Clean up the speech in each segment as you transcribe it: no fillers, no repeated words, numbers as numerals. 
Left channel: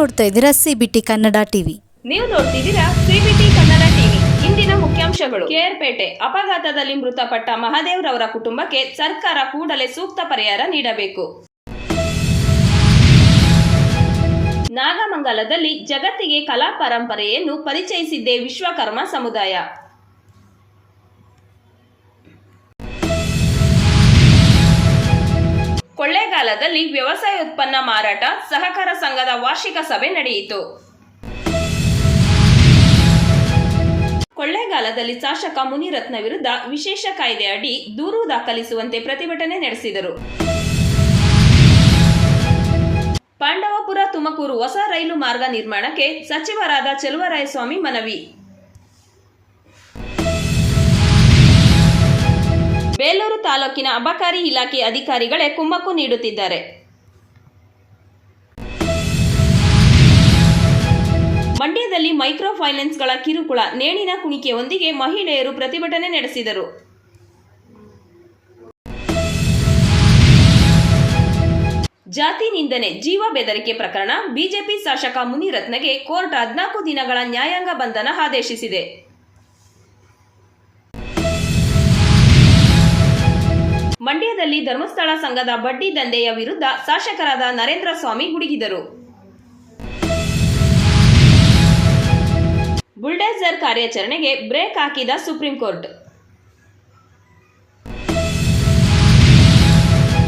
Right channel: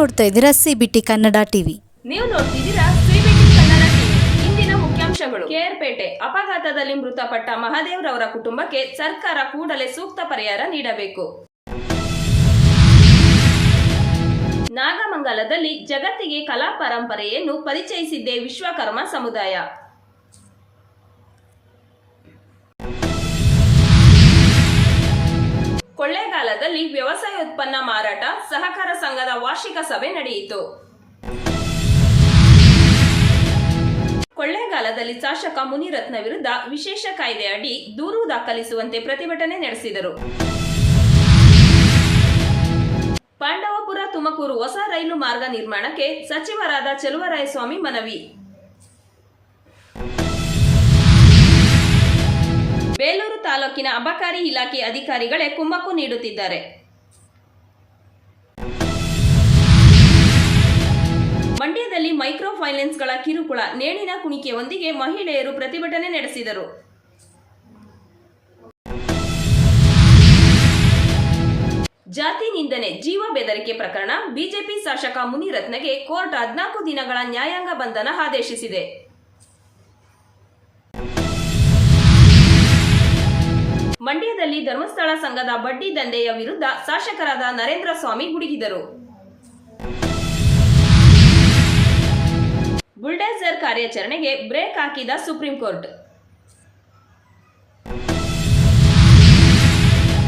ನೋಡ್ತಾ ಇದ್ದೀರಾ CBT Kannada TV. ನೀವು ನೋಡ್ತಿದ್ದೀರಾ ಸಿಬಿಟಿ ಕನ್ನಡ ಟಿವಿ. ಇಂದಿನ ಮುಖ್ಯಾಂಶಗಳು. ಕೇರ್ಪೇಟೆ ಅಪಘಾತದಲ್ಲಿ ಮೃತಪಟ್ಟ ಮಹಾದೇವ್ ರವರ ಕುಟುಂಬಕ್ಕೆ ಸರ್ಕಾರ ಕೂಡಲೇ ಸೂಕ್ತ ಪರಿಹಾರ ನೀಡಬೇಕು. ನಾಗಮಂಗಲದಲ್ಲಿ ಜಗತ್ತಿಗೆ ಕಲಾ ಪರಂಪರೆಯನ್ನು ಪರಿಚಯಿಸಿದ್ದೇ ವಿಶ್ವಕರ್ಮ ಸಮುದಾಯ. ಕೊಳ್ಳೇಗಾಲದಲ್ಲಿ ವ್ಯವಸಾಯ ಉತ್ಪನ್ನ ಮಾರಾಟ ಸಹಕಾರ ಸಂಘದ ವಾರ್ಷಿಕ ಸಭೆ ನಡೆಯಿತು. ಕೊಳ್ಳೇಗಾಲದಲ್ಲಿ ಶಾಸಕ ಮುನಿರತ್ನ ವಿರುದ್ಧ ವಿಶೇಷ ಕಾಯ್ದೆ ಅಡಿ ದೂರು ದಾಖಲಿಸುವಂತೆ ಪ್ರತಿಭಟನೆ ನಡೆಸಿದರು. ಪಾಂಡವಪುರ ತುಮಕೂರು ಹೊಸ ರೈಲು ಮಾರ್ಗ ನಿರ್ಮಾಣಕ್ಕೆ ಸಚಿವರಾದ ಚೆಲುವರಾಯಸ್ವಾಮಿ ಮನವಿ. ಬೇಲೂರು ತಾಲೂಕಿನ ಅಬಕಾರಿ ಇಲಾಖೆ ಅಧಿಕಾರಿಗಳೇ ಕುಮ್ಮಕ್ಕು ನೀಡುತ್ತಿದ್ದಾರೆ. ಮಂಡ್ಯದಲ್ಲಿ ಮೈಕ್ರೋ ಫೈನಾನ್ಸ್ಗಳ ಕಿರುಕುಳ, ನೇಣಿನ ಕುಣಿಕೆಯೊಂದಿಗೆ ಮಹಿಳೆಯರು ಪ್ರತಿಭಟನೆ ನಡೆಸಿದರು. ಜಾತಿ ನಿಂದನೆ, ಜೀವ ಬೆದರಿಕೆ ಪ್ರಕರಣ ಬಿಜೆಪಿ ಶಾಸಕ ಮುನಿರತ್ನಗೆ ಕೋರ್ಟ್ 14 ದಿನಗಳ ನ್ಯಾಯಾಂಗ ಬಂಧನ ಆದೇಶಿಸಿದೆ. ಮಂಡ್ಯದಲ್ಲಿ ಧರ್ಮಸ್ಥಳ ಸಂಘದ ಬಡ್ಡಿ ದಂಧೆಯ ವಿರುದ್ಧ ಶಾಸಕರಾದ ನರೇಂದ್ರ ಸ್ವಾಮಿ ಗುಡುಗಿದರು. ಬುಲ್ಡೇಜರ್ ಕಾರ್ಯಾಚರಣೆಗೆ ಬ್ರೇಕ್ ಹಾಕಿದ ಸುಪ್ರೀಂ ಕೋರ್ಟ್.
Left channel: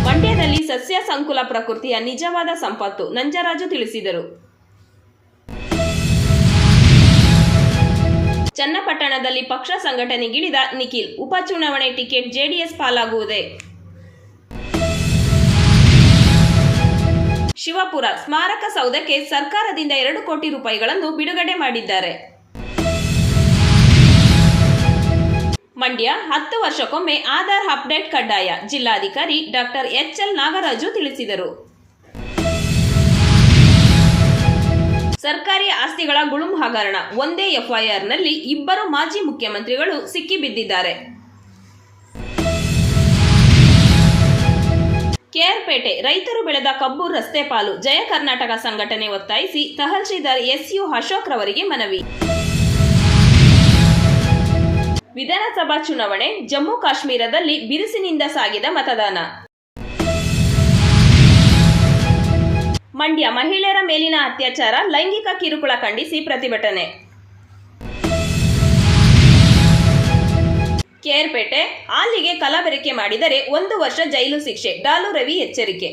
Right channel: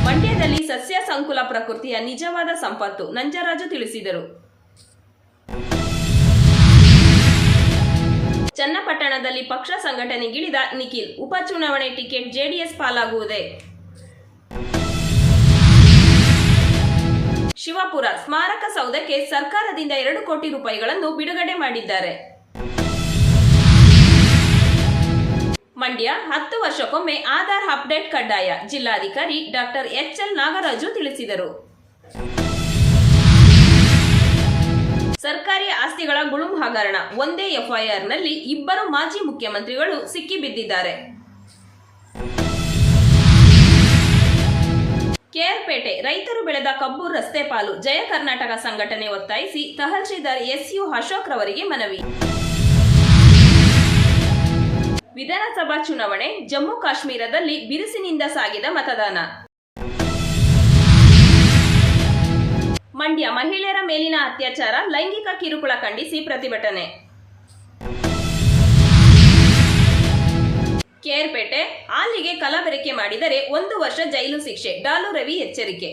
ಮಂಡ್ಯದಲ್ಲಿ ಸಸ್ಯ ಸಂಕುಲ ಪ್ರಕೃತಿಯ ನಿಜವಾದ ಸಂಪತ್ತು, ನಂಜರಾಜು ತಿಳಿಸಿದರು. ಚನ್ನಪಟ್ಟಣದಲ್ಲಿ ಪಕ್ಷ ಸಂಘಟನೆಗಿಳಿದ ನಿಖಿಲ್, ಉಪಚುನಾವಣೆ ಟಿಕೆಟ್ ಜೆಡಿಎಸ್ ಪಾಲಾಗುವುದೇ? ಶಿವಪುರ ಸ್ಮಾರಕ ಸೌಧಕ್ಕೆ ಸರ್ಕಾರದಿಂದ 2 ಕೋಟಿ ರೂಪಾಯಿಗಳನ್ನು ಬಿಡುಗಡೆ ಮಾಡಿದ್ದಾರೆ. ಮಂಡ್ಯ 10 ವರ್ಷಕ್ಕೊಮ್ಮೆ ಆಧಾರ್ ಅಪ್ಡೇಟ್ ಕಡ್ಡಾಯ, ಜಿಲ್ಲಾಧಿಕಾರಿ ಡಾಕ್ಟರ್ ಎಚ್ಎಲ್ ನಾಗರಾಜು ತಿಳಿಸಿದರು. ಸರ್ಕಾರಿ ಆಸ್ತಿಗಳ ಗುಳುಂ ಹಗರಣ, ಒಂದೇ ಎಫ್ಐಆರ್ನಲ್ಲಿ 2 ಮಾಜಿ ಮುಖ್ಯಮಂತ್ರಿಗಳು ಸಿಕ್ಕಿಬಿದ್ದಿದ್ದಾರೆ. ಕೇರ್ಪೇಟೆ ರೈತರು ಬೆಳೆದ ಕಬ್ಬು ರಸ್ತೆ ಪಾಲು, ಜಯ ಕರ್ನಾಟಕ ಸಂಘಟನೆ ಒತ್ತಾಯಿಸಿ ತಹಶೀಲ್ದಾರ್ ಎಸ್ಯು ಅಶೋಕ್ ರವರಿಗೆ ಮನವಿ. ವಿಧಾನಸಭಾ ಚುನಾವಣೆ, ಜಮ್ಮು ಕಾಶ್ಮೀರದಲ್ಲಿ ಬಿರುಸಿನಿಂದ ಸಾಗಿದ ಮತದಾನ. ಮಂಡ್ಯ ಮಹಿಳೆಯರ ಮೇಲಿನ ಅತ್ಯಾಚಾರ, ಲೈಂಗಿಕ ಕಿರುಕುಳ ಖಂಡಿಸಿ ಪ್ರತಿಭಟನೆ. ಕೇರ್ಪೇಟೆ ಹಾಲಿಗೆ ಕಲಬೆರಕೆ ಮಾಡಿದರೆ 1 ವರ್ಷ ಜೈಲು ಶಿಕ್ಷೆ, ಡಾಲು ರವಿ ಎಚ್ಚರಿಕೆ.